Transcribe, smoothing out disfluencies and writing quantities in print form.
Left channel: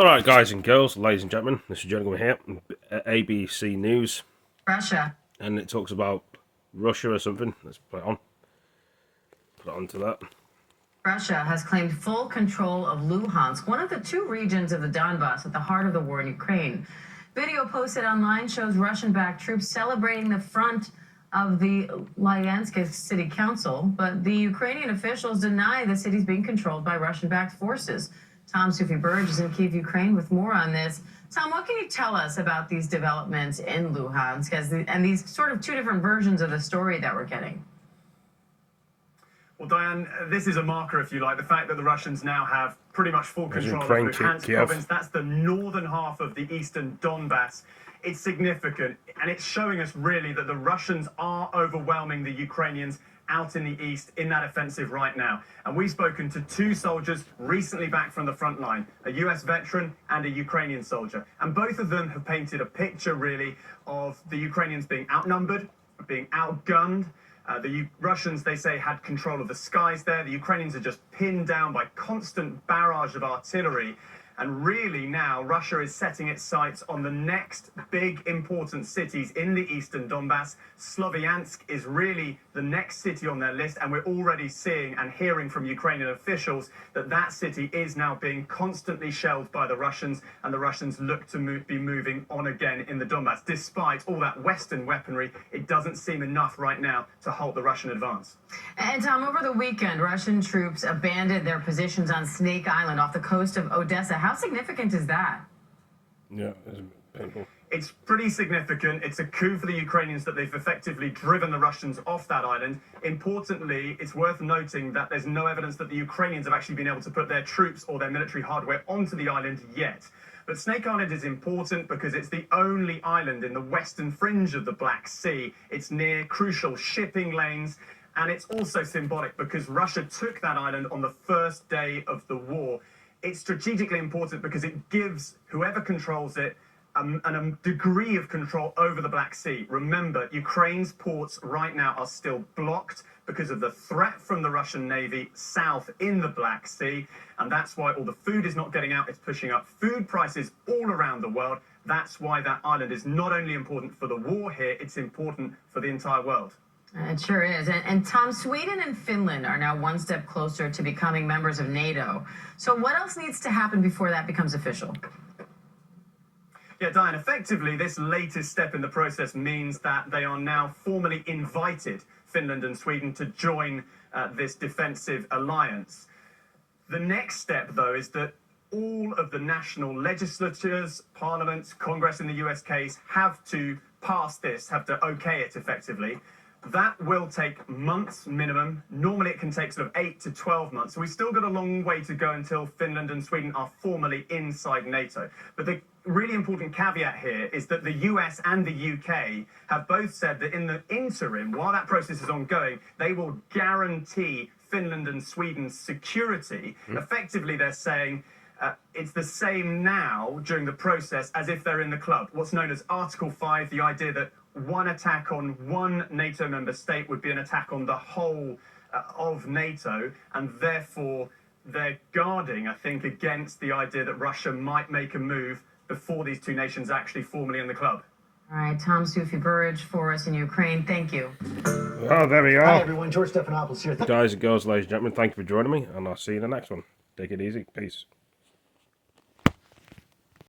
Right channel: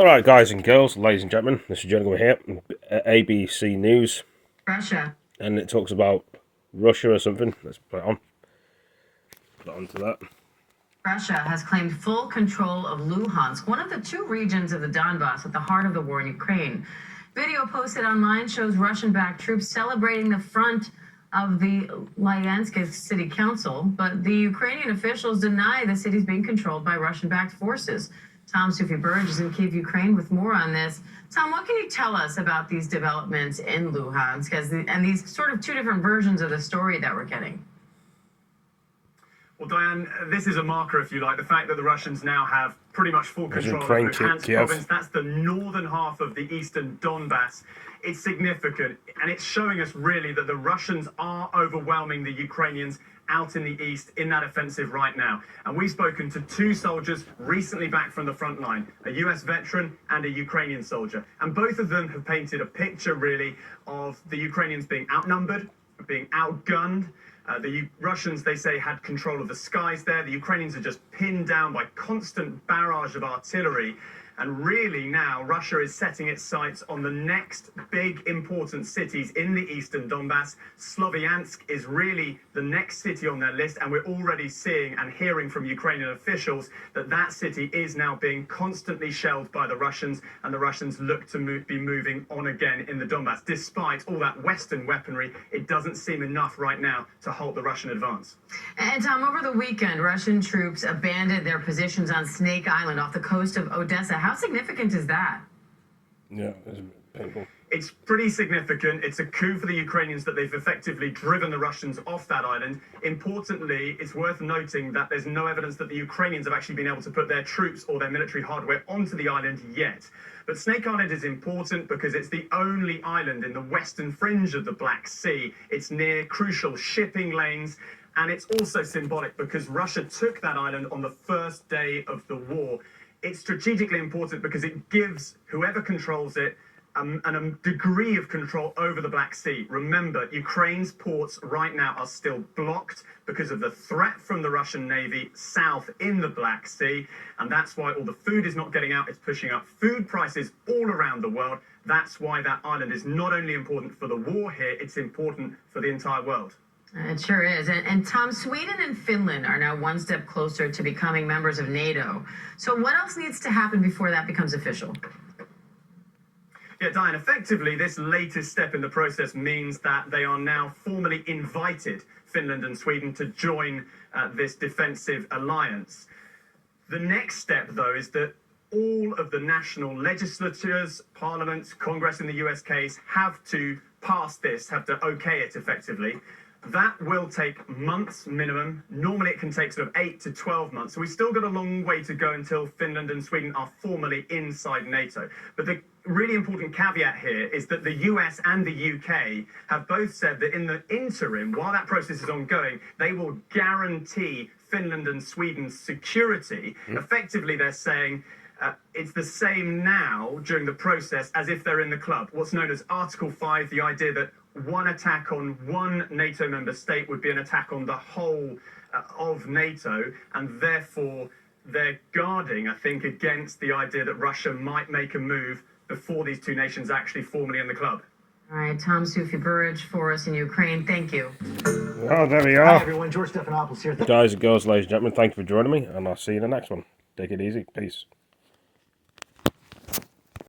Alright, guys and girls, ladies and gentlemen, this is jerningham here at ABC News. Russia. And it talks about Russia or something. Let's put it on. Put it on to that. Russia has claimed full control of Luhansk, one of the two regions of the Donbass at the heart of the war in Ukraine. Video posted online shows Russian-backed troops celebrating the front of the Luhansk City Council, but the Ukrainian officials deny the city's being controlled by Russian-backed forces. Tom Sufi Burge is in Kyiv, Ukraine, with more on this. Tom, what can you tell us about these developments in Luhansk and these sort of two different versions of the story that we're getting? Well, Diane, this is a marker, if you like, the fact that the Russians now have pretty much full control of Luhansk province. That's the northern half of the eastern Donbass. It's significant, and it's showing us really that the Russians are overwhelming the Ukrainians out in the east in that offensive right now. And we've spoken to two soldiers recently back from the front line, a US veteran and a Ukrainian soldier. And both of them have painted a picture really of the Ukrainians being outnumbered, being outgunned. The Russians, they say, had control of the skies there. The Ukrainians are just pinned down by constant barrage of artillery. And really now, Russia is setting its sights on the next big important cities in the eastern Donbass. Sloviansk is really the next city on their list, and we're already seeing and hearing from Ukrainian officials that that city is now being constantly shelled by the Russians, and the Russians look to be moving on again in the Donbass. Despite all that Western weaponry, it doesn't seem enough right now to halt the Russian advance. And Tom, over the weekend, Russian troops abandoned their positions on Snake Island off the coast of Odessa. How significant is that? Yeah, it's painful. It's pretty significant. It's a coup for the Ukrainians that they've effectively driven the Russians off that island. Importantly, it's worth noting that there's no evidence that the Ukrainians have actually been able to put their troops or their military hardware onto the island yet. But Snake Island is important because it's the only island in the western fringe of the Black Sea. It's near crucial shipping lanes. And it's also symbolic because Russia took that island on the first day of the war. It's strategically important because it gives whoever controls it a degree of control over the Black Sea. Remember, Ukraine's ports right now are still blocked because of the threat from the Russian Navy south in the Black Sea. And that's why all the food is not getting out. It's pushing up food prices all around the world. That's why that island is not only important for the war here, it's important for the entire world. It sure is. And Tom, Sweden and Finland are now one step closer to becoming members of NATO. So what else needs to happen before that becomes official? Yeah, Diane, effectively, this latest step in the process means that they are now formally invited, Finland and Sweden, to join this defensive alliance. The next step, though, is that all of the national legislatures, parliaments, Congress in the US case, have to pass this, have to okay it effectively. That will take months minimum. Normally it can take sort of 8 to 12 months. So we've still got a long way to go until Finland and Sweden are formally inside NATO. But the really important caveat here is that the US and the UK have both said that in the interim, while that process is ongoing, they will guarantee Finland and Sweden's security. Effectively, they're saying it's the same now during the process as if they're in the club. What's known as Article 5, the idea that one attack on one NATO member state would be an attack on the whole of NATO, and therefore they're guarding, I think, against the idea that Russia might make a move before these two nations are actually formally in the club. All right, Tom Sufi Burge for us in Ukraine. Thank you. Well, there we are. Hi, everyone. George Stephanopoulos here. Guys and girls, ladies and gentlemen, thank you for joining me, and I'll see you in the next one. Take it easy. Peace.